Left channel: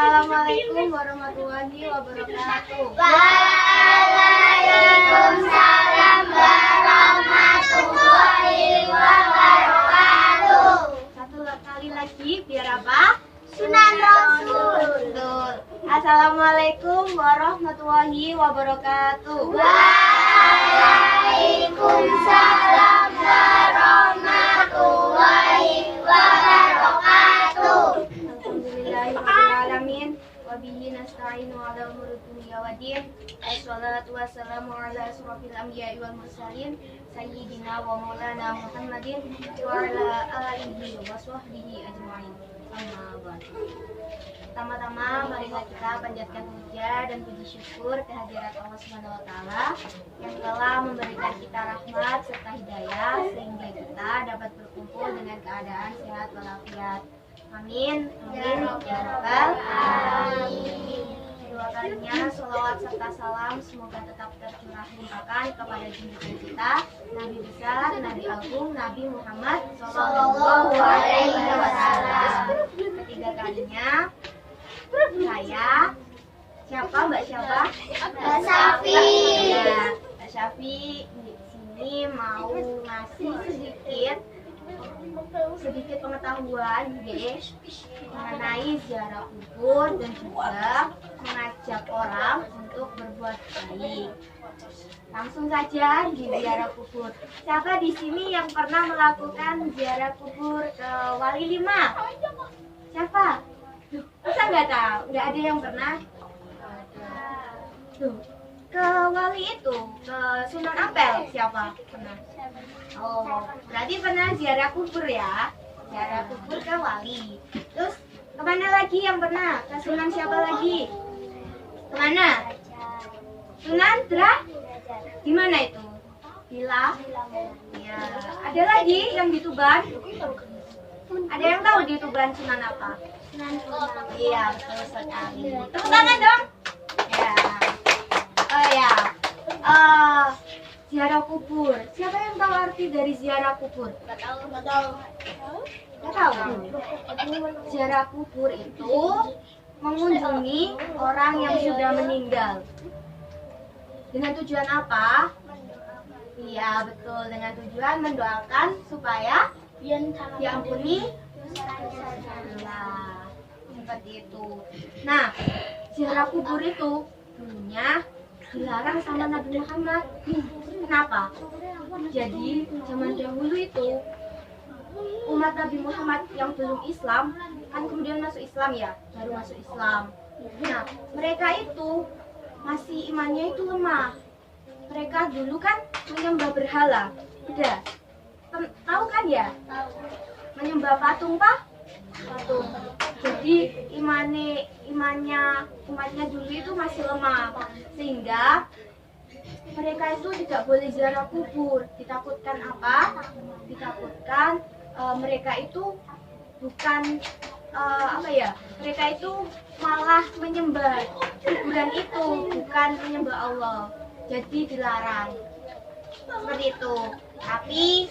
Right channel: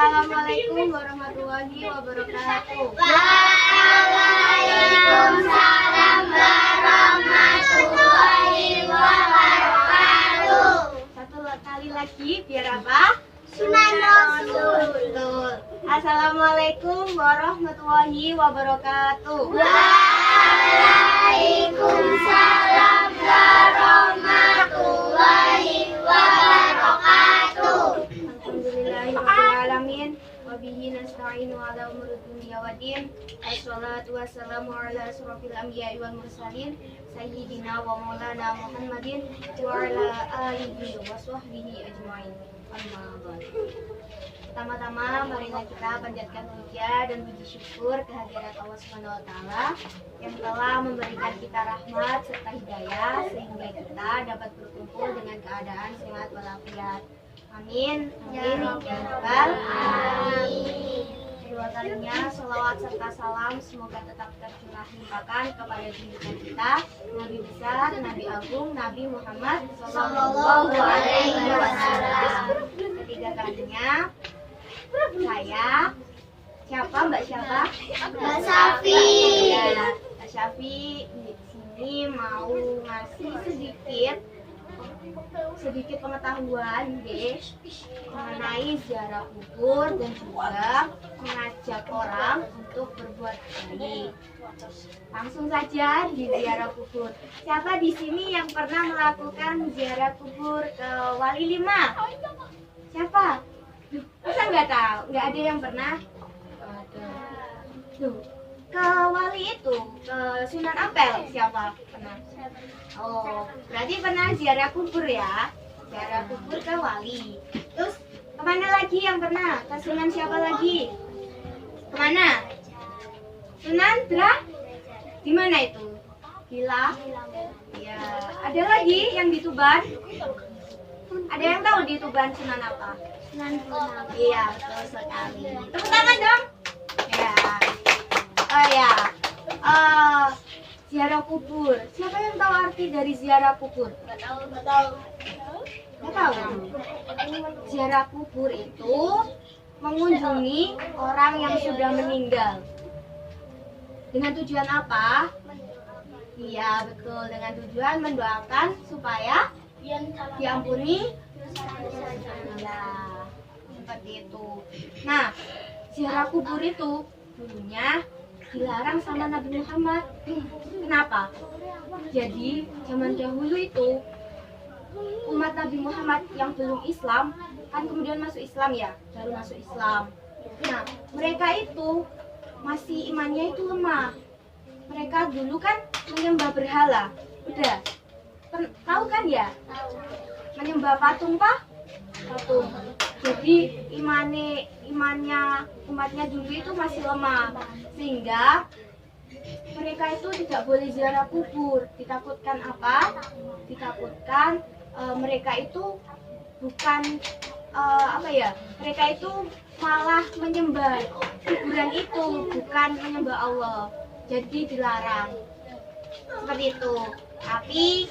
Assalamualaikum warahmatullahi wabarakatuh. Waalaikumsalam warahmatullahi wabarakatuh. Satu kali lagi biar apa? Sunan Rasul. Betul. Assalamualaikum warahmatullahi wabarakatuh. Waalaikumsalam warahmatullahi wabarakatuh. Alhamdulillahirrahmanirrahim. Wabihi nasta'inu ala umuri dunya waddin. Wassalatu wassalamu ala asrofil anbiya'i wal mursalin sayyidina wa maulana Muhammadin wa ala alihi wa sahbihi ajma'in. Amma ba'd. Pertama-tama marilah kita panjatkan puja dan puji syukur kehadirat Allah Subhanahu wa taala yang telah memberikan kita rahmat serta hidayah sehingga kita dapat berkumpul dengan keadaan sehat walafiat. Amin. Amin. Ya rabbal alamin. Dua kalinya sholawat serta salam semoga tetap tercurah limpahkan kepada junjungan kita Nabi besar, Nabi agung, Nabi Muhammad Sallallahu Alaihi Wasallam. Ketiga kalinya saya siapa Mbak siapa? Mbak Safi. Ya, Mbak Syafi di sini mau ngasih sedikit pengetahuan mengenai ziarah kubur dan juga mengajak orang untuk berbuat baik. Langsung saja di ziarah kubur. Siapa di sini yang pernah melakukan ziarah kubur ke Wali 5? Siapa? Duh, masa nggak tahu? Nggak ada yang pernah? Tuh, ke Wali itu, ke Sunan Ampel siapa? Pernah? Oh, berarti pernah ziarah kubur ya? Ziarah kubur ke Wali. Terus kemana lagi yang pernah? Ke Sunan siapa lagi? Kemana? Sunan Dra? Di mana itu? Bila? Ya. Ada lagi yang di Tuban? Ada yang tahu di Tuban Sunan apa? Sunan Bonang. Iya, betul sekali. Tepuk tangan dong. Ya. Oh ya. Ziarah kubur. Siapa yang tahu arti dari ziarah kubur? Nggak tahu. Nggak tahu. Ziarah kubur itu mengunjungi orang yang sudah meninggal. Dengan tujuan apa? Iya, betul. Dengan tujuan mendoakan supaya diampuni. Nah, seperti itu. Nah, ziarah kubur itu dulunya dilarang sama Nabi Muhammad. Kenapa? Jadi zaman dahulu itu umat Nabi Muhammad yang belum Islam kan kemudian masuk Islam ya, baru masuk Islam. Nah, mereka itu masih imannya itu lemah. Mereka dulu kan menyembah berhala. Udah tahu kan ya? Menyembah patung patung. Jadi imannya umatnya dulu itu masih lemah, sehingga mereka itu tidak boleh ziarah kubur. Ditakutkan apa? Ditakutkan mereka itu bukan mereka itu malah menyembah kuburan itu, bukan menyembah Allah. Jadi dilarang seperti itu. Tapi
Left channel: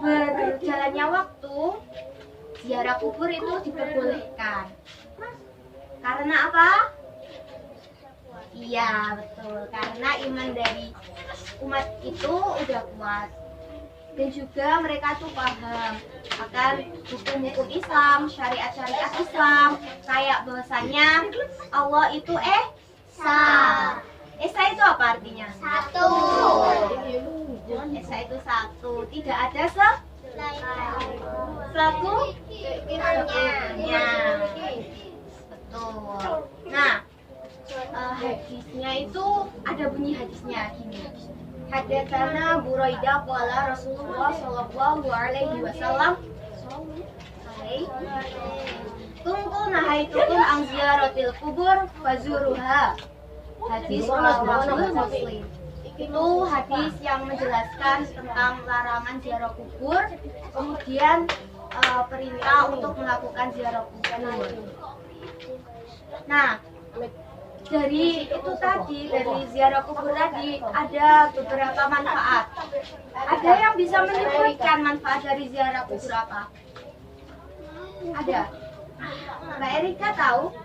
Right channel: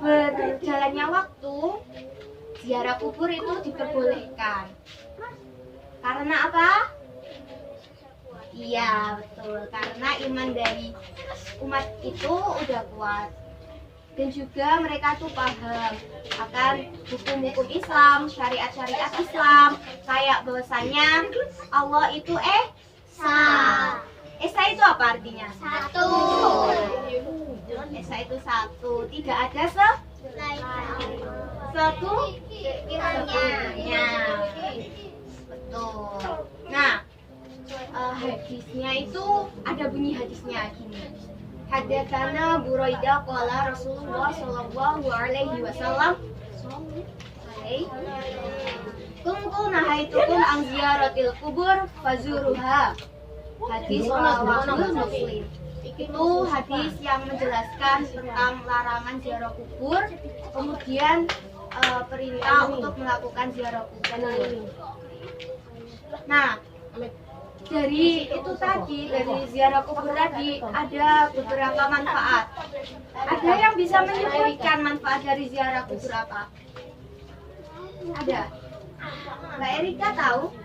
berjalannya waktu ziarah kubur itu diperbolehkan. Karena apa? Iya, betul. Karena iman dari umat itu udah kuat. Dan juga mereka tuh paham akan hukum-hukum Islam, syariat-syariat Islam. Kayak bahwasanya Allah itu Esa. Esa itu apa artinya? Satu. Esa itu satu. Tidak ada sekutunya. Betul. Nah, hadisnya itu ada bunyi hadisnya gini. Hadatsana Buraidah qala Rasulullah sallallahu alaihi wasallam kuntu nahaitukum an ziyaratil kubur fazuruha. Hadis rawahu Muslim. Itu hadis yang menjelaskan tentang larangan ziarah kubur, kemudian perintah untuk melakukan ziarah kubur. Nah, dari itu tadi, dari ziarah kubur tadi ada beberapa manfaat. Ada yang bisa menyebutkan manfaat dari ziarah kubur apa? Ada. Mbak Erika tahu?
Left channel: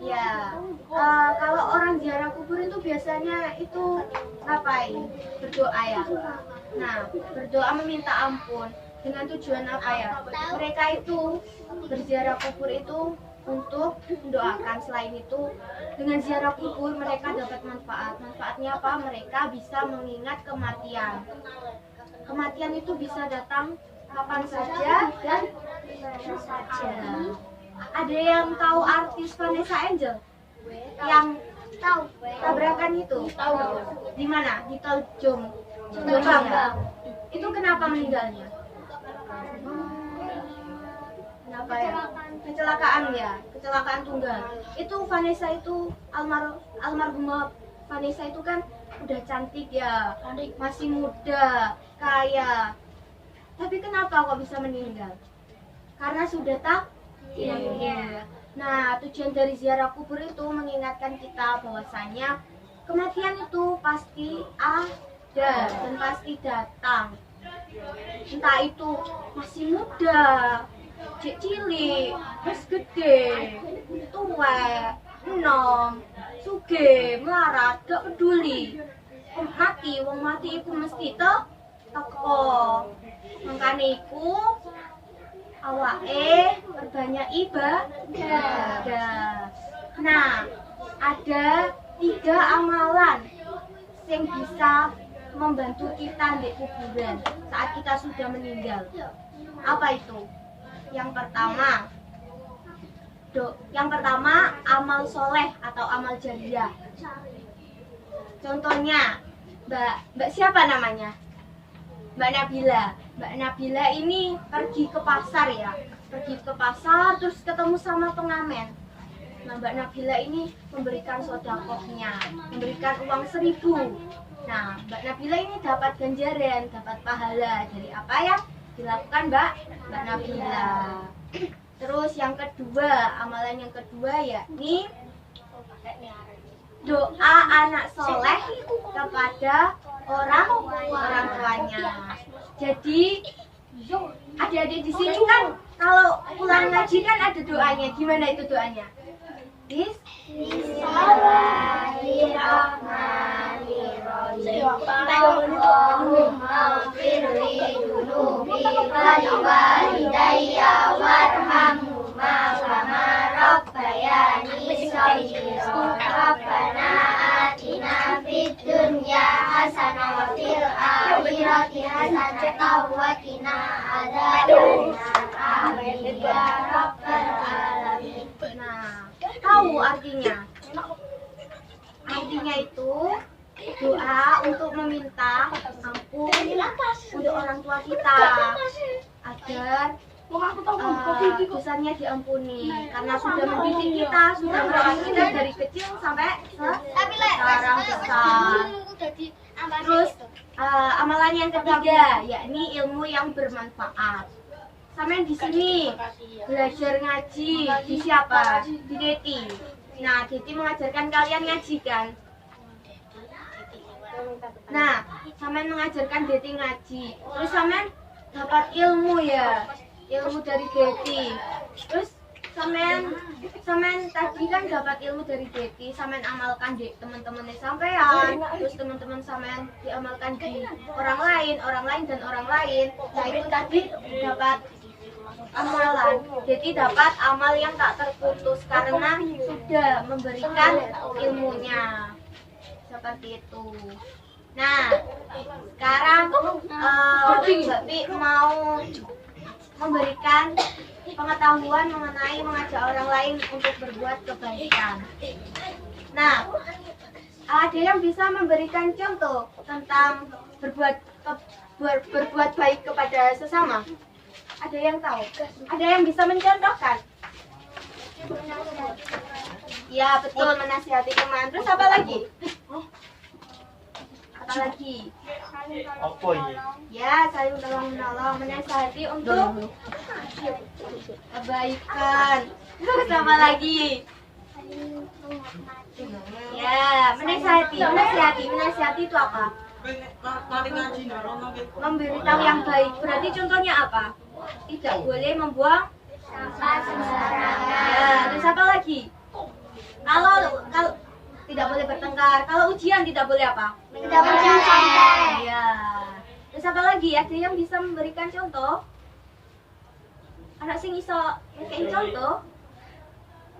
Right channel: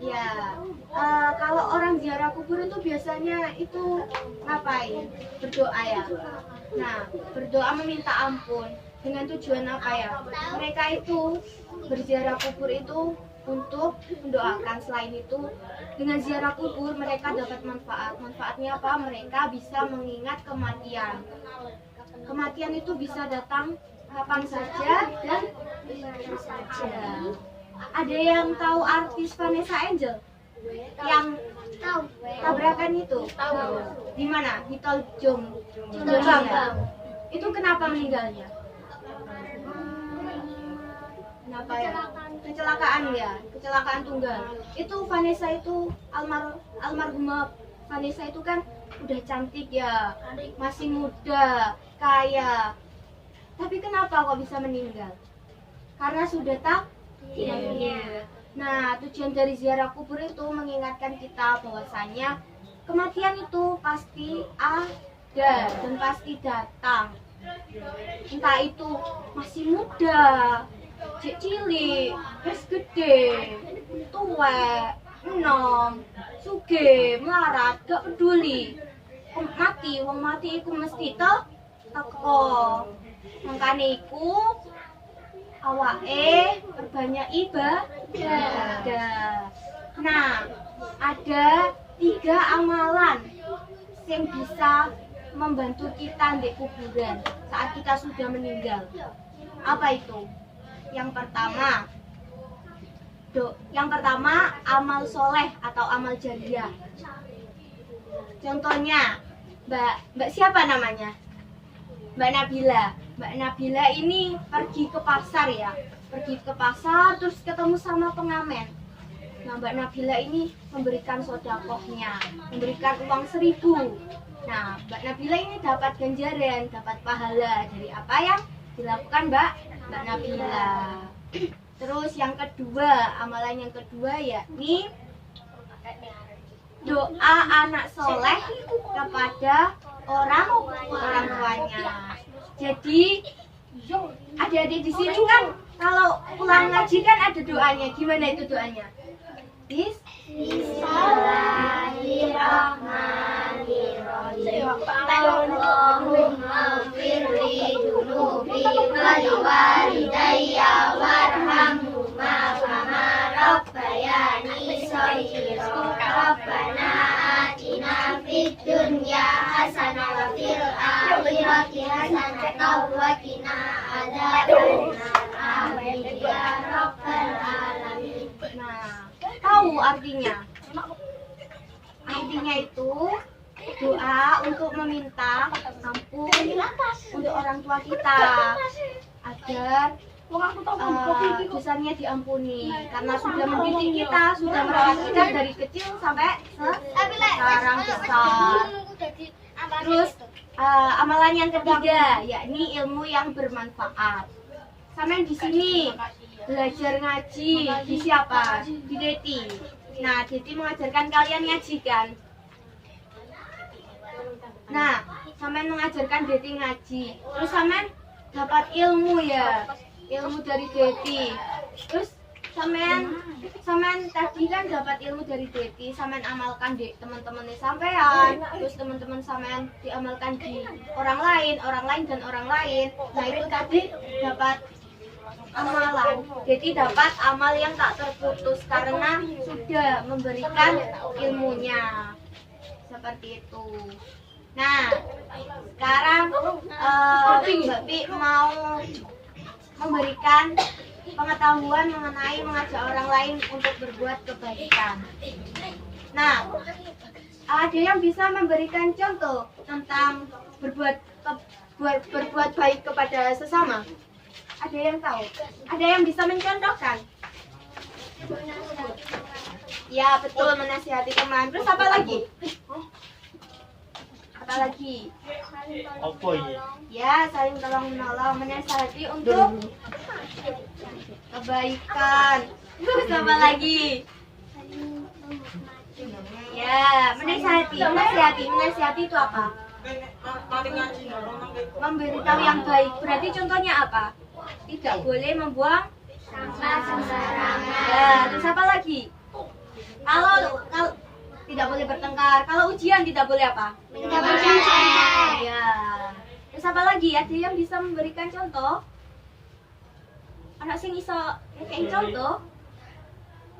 Ya, kalau orang ziarah kubur itu biasanya itu ngapain? Berdoa ya. Nah, berdoa meminta ampun dengan tujuan apa ya? Mereka itu berziarah kubur itu untuk mendoakan. Selain itu, dengan ziarah kubur mereka dapat manfaat. Manfaatnya apa? Mereka bisa mengingat kematian. Kematian itu bisa datang kapan saja dan dimana saja. Ada yang tahu artis Vanessa Angel? Yang Tahu. tabrakan itu? Tahu. Di mana? Di tol Jombang. Itu kenapa meninggalnya? Kenapa ya? Kecelakaan ya, kecelakaan tunggal. Itu Vanessa itu almarhumah Vanessa itu kan udah cantik ya, masih muda, kaya. Tapi kenapa kok bisa meninggal? Karena sudah takdirnya. Nah, tujuan dari ziarah kubur itu mengingatkan kita bahwasanya kematian itu pasti ada dan pasti datang. Entah itu masih muda, cilik, wis gede, tuwek, enom, sugih, melarat, gak peduli. Wong mati iku mesti teko. Mangkane iku awake perbanyak ibadah. Nah, ada 3 amalan yang bisa membantu kita di kuburan saat kita sudah meninggal. Apa itu? Yang pertama amal soleh atau amal jariah. Contohnya, Mbak siapa namanya? Mbak Nabila. Mbak Nabila ini pergi ke pasar ya. Pergi ke pasar terus ketemu sama pengamen. Nah, Mbak Nabila ini memberikan sedekahnya, memberikan uang 1.000. Nah, Mbak Nabila ini dapat ganjaran, dapat pahala dari apa yang dilakukan Mbak Nabila. Terus yang kedua, amalan yang kedua yakni doa anak soleh kepada orang tuanya. Jadi adik-adik di sini kan kalau pulang ngaji kan ada doanya. Gimana itu doanya? Bismillahirrahmanirrahim. Allahumma firli dunubi waliwalidayya warhamhuma kama rabbayani shaghira. Rabbana atina fid dunya hasanah wa fil akhirati hasanah wa qina adzabannar. Amin ya rabbal alamin. Nah, tahu artinya? Artinya itu doa untuk meminta ampun untuk orang tua kita agar dosanya diampuni karena sudah mendidik kita, sudah merawat kita dari kecil sampai sekarang besar. Terus amalan yang ketiga yakni ilmu yang bermanfaat. Sampai di sini belajar ngaji di siapa? Di Deti. Nah, Deti mengajarkan kalian ngaji kan? Nah, sampai mengajarkan Deti ngaji. Terus sampai dapat ilmu ya, ilmu dari Deti. Terus sampean tadi kan dapat ilmu dari Deti, sampean amalkan di teman-temannya sampean. Terus teman-teman sampean diamalkan di orang lain dan orang lain. Nah, itu tadi dapat amalan. Jadi dapat amal yang tak terputus karena sudah memberikan ilmunya. Seperti itu. Nah, sekarang Mbak Pi mau memberikan pengetahuan mengenai mengajak orang lain untuk berbuat kebaikan. Nah, ada yang bisa memberikan contoh tentang berbuat baik kepada sesama? Ada yang tahu? Ada yang bisa mencontohkan? Ya, betul, menasihati teman. Terus apa lagi? Apa lagi? Apa ini? Ya, saling tolong menolong, menasihati untuk kebaikan. Terus apa lagi? Ya, menasihati itu apa? Memberitahu yang baik. Berarti contohnya apa? Tidak boleh membuang sampah sembarangan. ya. Terus apa lagi? Kalau tidak boleh bertengkar. Kalau ujian tidak boleh apa? Tidak boleh contek. Iya. Terus apa lagi? Ada yang bisa memberikan contoh? Anak sing iso ngekei contoh?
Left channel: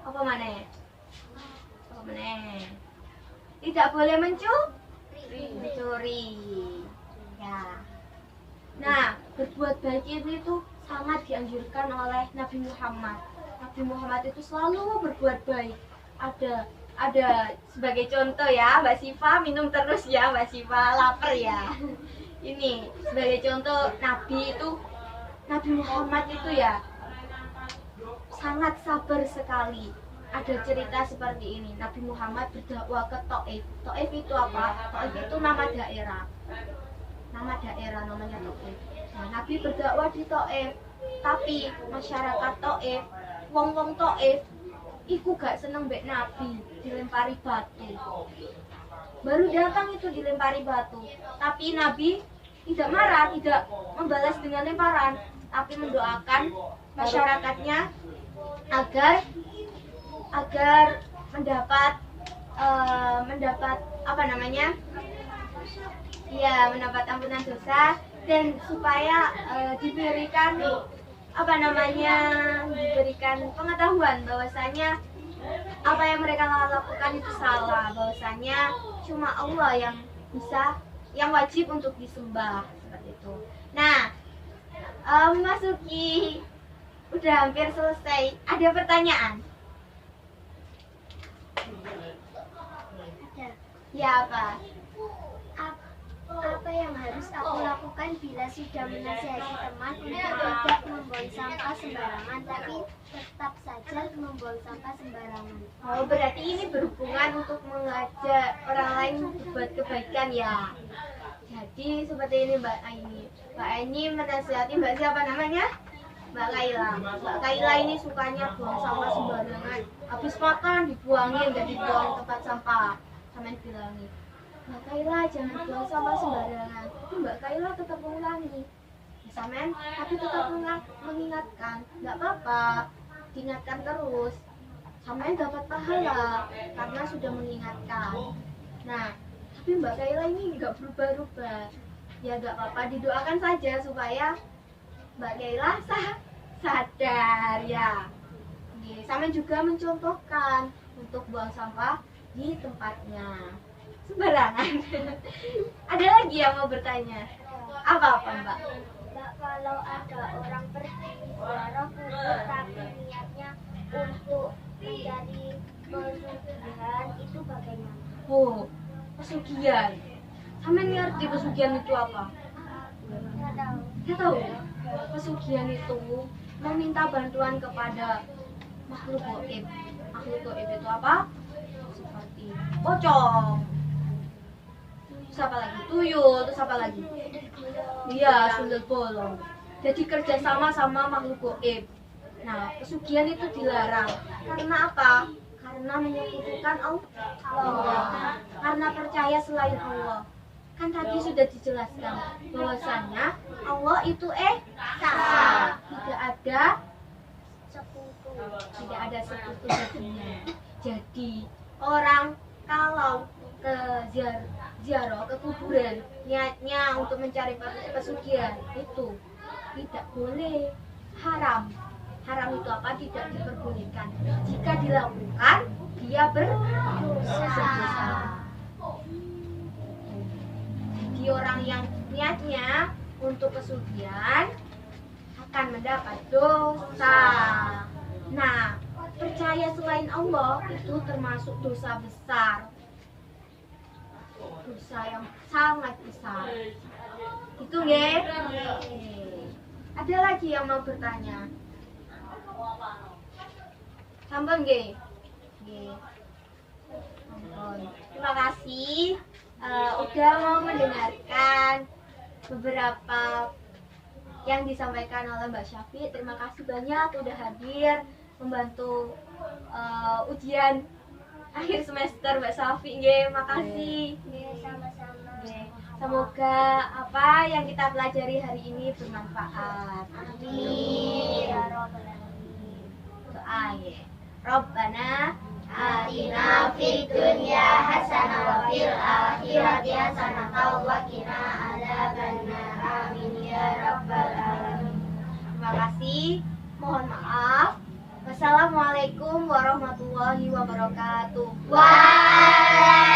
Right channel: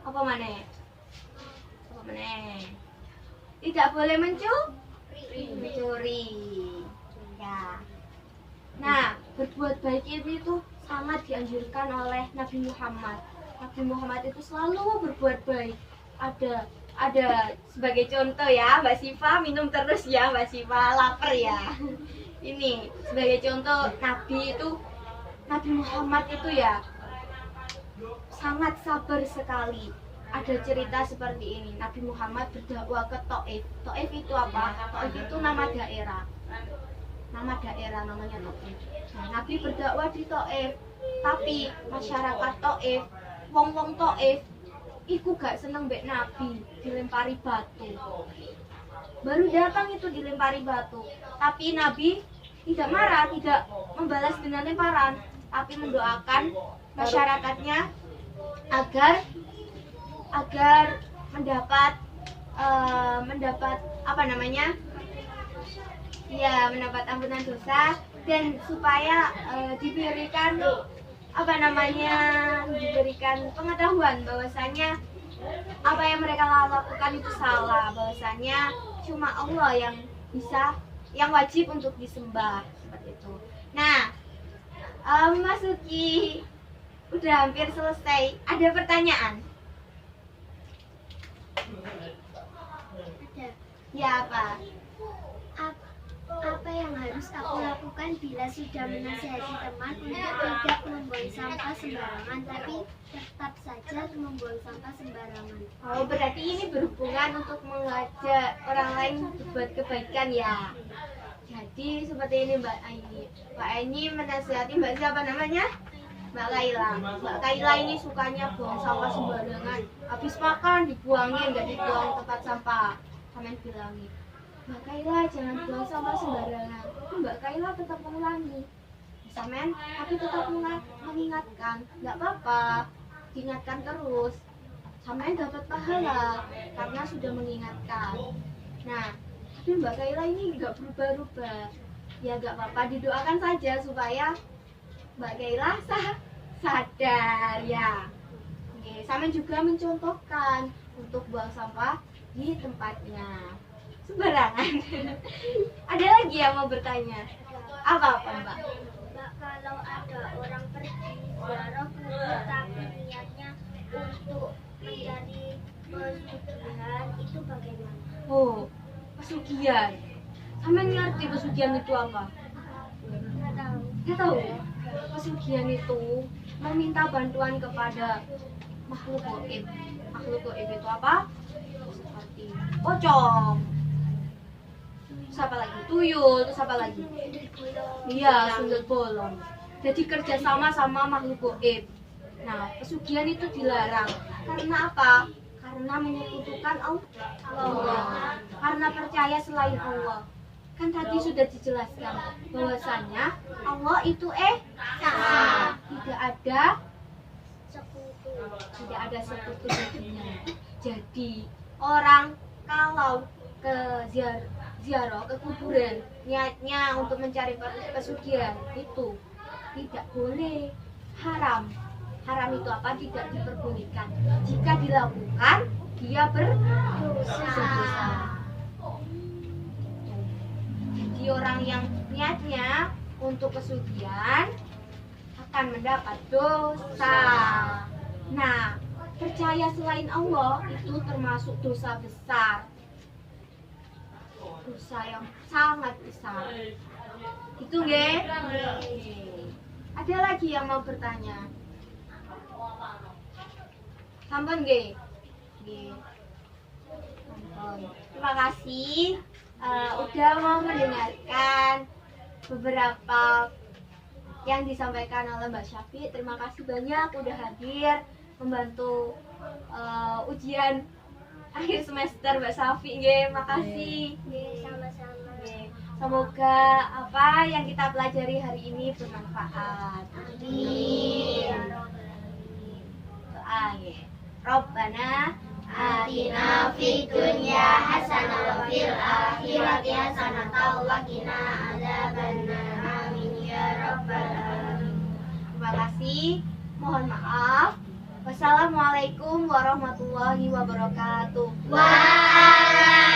Apa maneh? Apa maneh? Tidak boleh mencuri. Ya. Nah, berbuat baik itu sangat dianjurkan oleh Nabi Muhammad. Nabi Muhammad itu selalu berbuat baik. Ada sebagai contoh ya, Mbak Siva minum terus ya, Mbak Siva lapar ya. Ini sebagai contoh Nabi Muhammad itu ya sangat sabar sekali. Ada cerita seperti ini. Nabi Muhammad berdakwah ke Taif. Taif itu apa? Taif itu nama daerah. Nama daerah namanya Taif. Nah, Nabi berdakwah di Taif, tapi masyarakat Taif, wong-wong Taif iku gak seneng mbek Nabi, dilempari batu. Baru datang itu dilempari batu, tapi Nabi tidak marah, tidak membalas dengan lemparan, tapi mendoakan masyarakatnya agar mendapat apa namanya? Ya, mendapat ampunan dosa dan supaya diberikan diberikan pengetahuan bahwasanya apa yang mereka lakukan itu salah, bahwasanya cuma Allah yang wajib untuk disembah, seperti itu. Nah, memasuki udah hampir selesai. Ada pertanyaan? Ada. Ya, apa? Apa yang harus aku lakukan bila sudah menasihati teman untuk tidak membuang sampah sembarangan, tapi tetap saja membuang sampah sembarangan? Oh, berarti ini berhubungan untuk mengajak orang lain berbuat kebaikan ya. Jadi seperti ini Mbak Aini. Mbak Aini menasihati Mbak siapa namanya? Mbak Kaila. Mbak Kaila ini sukanya buang sampah sembarangan. Habis makan dibuangin, nggak dibuang tempat sampah. Sampai bilangi, Mbak Kaila jangan buang sampah sembarangan. Mbak Kaila tetap mengulangi. Samen, tapi tetap mengingatkan. Nggak apa-apa, diingatkan terus. Samen dapat pahala karena sudah mengingatkan. Nah, tapi Mbak Kaila ini nggak berubah-ubah. Ya nggak apa-apa, didoakan saja supaya Mbak Kaila sadar ya. Oke, Samen juga mencontohkan untuk buang sampah di tempatnya sembarangan. Ada lagi yang mau bertanya? Apa Mbak? Mbak, kalau ada orang pergi ziarah kubur tapi niatnya untuk mencari pesugihan, itu bagaimana? Oh, pesugihan. Samen ngerti pesugihan itu apa? Nggak tahu. Dia tahu ya? Pesugihan itu meminta bantuan kepada makhluk gaib. Makhluk gaib itu apa? Seperti pocong. Terus apa lagi? Tuyul, terus apa lagi? Iya, sundel bolong. Jadi kerjasama sama makhluk gaib. Nah, pesugihan itu dilarang. Karena apa? Karena menyekutukan Allah. Karena percaya selain Allah. Kan tadi sudah dijelaskan bahwasanya Allah itu esa. Tidak ada Sekutu. tidak ada sekutu baginya. Jadi orang kalau ke ziarah ke kuburan niatnya untuk mencari pesugihan itu tidak boleh, haram. Haram itu apa? Tidak diperbolehkan. Jika dilakukan dia berdosa. Jadi orang yang niatnya untuk pesugihan akan mendapat dosa. Nah, percaya selain Allah itu termasuk dosa besar. Dosa yang sangat besar. Itu nggih? Ada lagi yang mau bertanya? Sampun nggih? Nggih. Sampun. Terima kasih udah mau mendengarkan beberapa yang disampaikan oleh Mbak Syafi. Terima kasih banyak udah hadir membantu ujian akhir semester Mbak Syafi. Nggih, makasih. Nggih, sama-sama. Nggih. Semoga apa yang kita pelajari hari ini bermanfaat. Amin. Ya Rabbal Alamin. Doa nggih. Rabbana Atina fid dunya hasanah wa fil akhirati hasanah wa qina adzabannar. Amin ya rabbal alamin. Terima kasih. Mohon maaf. Wassalamualaikum warahmatullahi wabarakatuh. Waalaikumsalam.